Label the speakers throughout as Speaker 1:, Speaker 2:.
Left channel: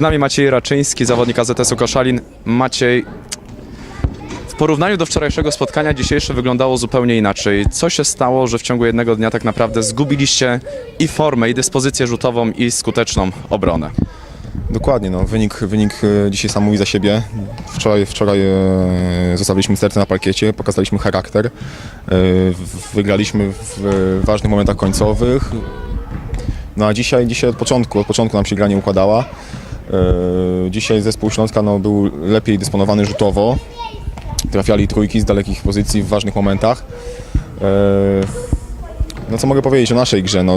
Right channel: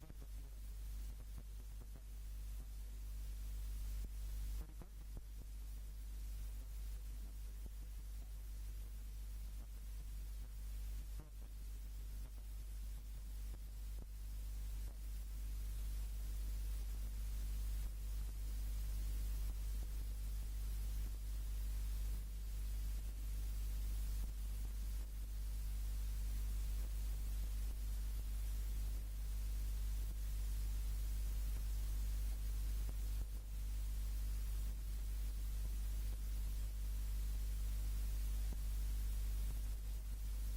Speaker 1: Z nami Maciej Raczyński, zawodnik AZS-u Koszalin. Maciej, w porównaniu do wczorajszego spotkania dzisiejsze wyglądało zupełnie inaczej. Co się stało, że w ciągu jednego dnia tak naprawdę zgubiliście i formę, i dyspozycję rzutową, i skuteczną obronę?
Speaker 2: Dokładnie, no. wynik, wynik e, dzisiaj sam mówi za siebie. Wczoraj, wczoraj e, zostawiliśmy serce na parkiecie, pokazaliśmy charakter, e, wygraliśmy w ważnych momentach końcowych. No a dzisiaj, dzisiaj od początku, od początku nam się gra nie układała. E, Dzisiaj zespół Śląska no, był lepiej dysponowany rzutowo. Trafiali trójki z dalekich pozycji w ważnych momentach. E, No co mogę powiedzieć o naszej grze? No,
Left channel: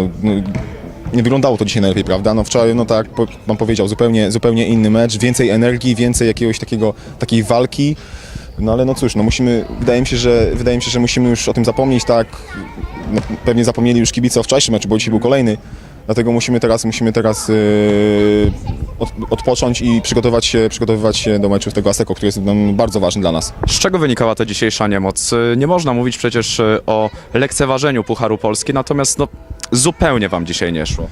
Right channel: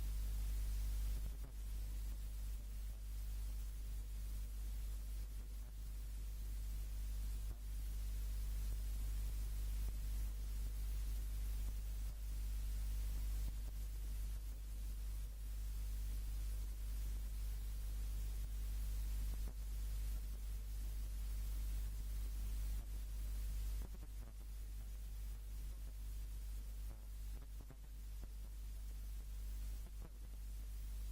Speaker 2: nie wyglądało to dzisiaj najlepiej, prawda? No wczoraj, no tak jak pan powiedział, zupełnie, zupełnie inny mecz, więcej energii, więcej jakiegoś takiego, takiej walki. No ale no cóż, no musimy, wydaje mi się, że, wydaje mi się, że musimy już o tym zapomnieć, tak? No, pewnie zapomnieli już kibice o wczorajszym meczu, bo dzisiaj był kolejny. Dlatego musimy teraz, musimy teraz yy, od, odpocząć i przygotować się, przygotowywać się do meczu z tego Aseko, który jest no, bardzo ważny dla nas.
Speaker 1: Z czego wynikała ta dzisiejsza niemoc? Nie można mówić przecież e, o lekceważeniu Pucharu Polski, natomiast no, zupełnie wam dzisiaj nie szło.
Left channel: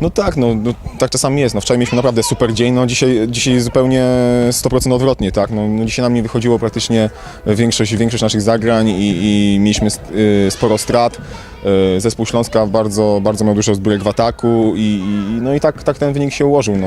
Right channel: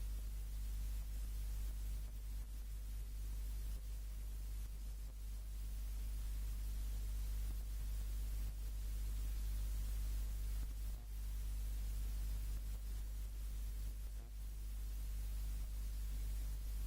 Speaker 2: No tak, no, no tak czasami jest. No, wczoraj mieliśmy naprawdę super dzień, no dzisiaj, dzisiaj zupełnie 100% odwrotnie, tak. No, no, dzisiaj nam nie wychodziło praktycznie większość, większość naszych zagrań i, i mieliśmy y, sporo strat. Y, Zespół Śląska bardzo, bardzo miał dużo zbrójek w ataku i, i, no i tak, tak ten wynik się ułożył, no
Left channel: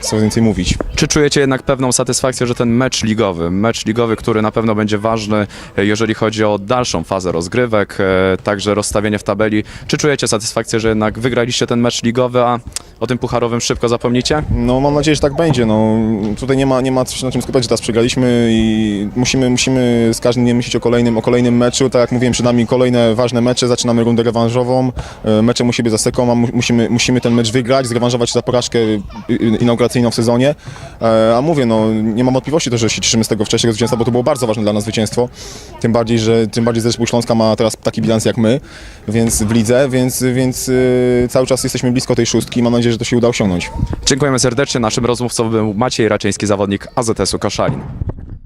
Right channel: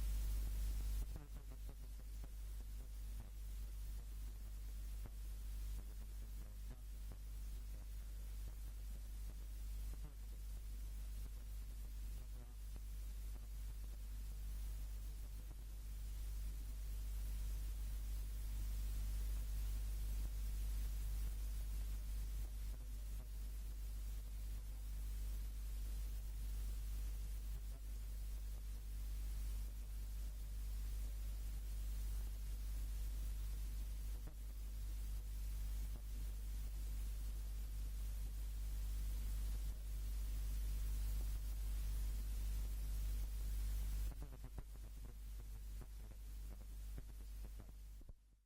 Speaker 2: co więcej mówić.
Speaker 1: Czy czujecie jednak pewną satysfakcję, że ten mecz ligowy, mecz ligowy, który na pewno będzie ważny, e, jeżeli chodzi o dalszą fazę rozgrywek, e, także rozstawienie w tabeli, czy czujecie satysfakcję, że jednak wygraliście ten mecz ligowy, a o tym pucharowym szybko zapomnicie?
Speaker 2: No mam nadzieję, że tak będzie. No, tutaj nie ma, nie ma się na czym skupiać, że teraz przegraliśmy i musimy, musimy z każdym dniem myśleć o kolejnym, o kolejnym meczu. Tak jak mówiłem, przed nami kolejne ważne mecze, zaczynamy rundę rewanżową, e, meczem u siebie za mu- musimy, musimy ten mecz wygrać, zrewanżować się za porażkę y, y, inauguracyjną w sezonie. E, A mówię, no nie mam wątpliwości to, że się cieszymy z tego wcześniejszego zwycięstwa, bo to było bardzo ważne dla nas zwycięstwo. Tym bardziej, że tym bardziej zespół Śląska ma teraz taki bilans jak my, więc w lidze, więc, więc y, cały czas jesteśmy blisko tej szóstki. Mam nadzieję, że to się uda osiągnąć.
Speaker 1: Dziękujemy serdecznie. Naszym rozmówcą był Maciej Raczyński, zawodnik AZS-u Koszalin.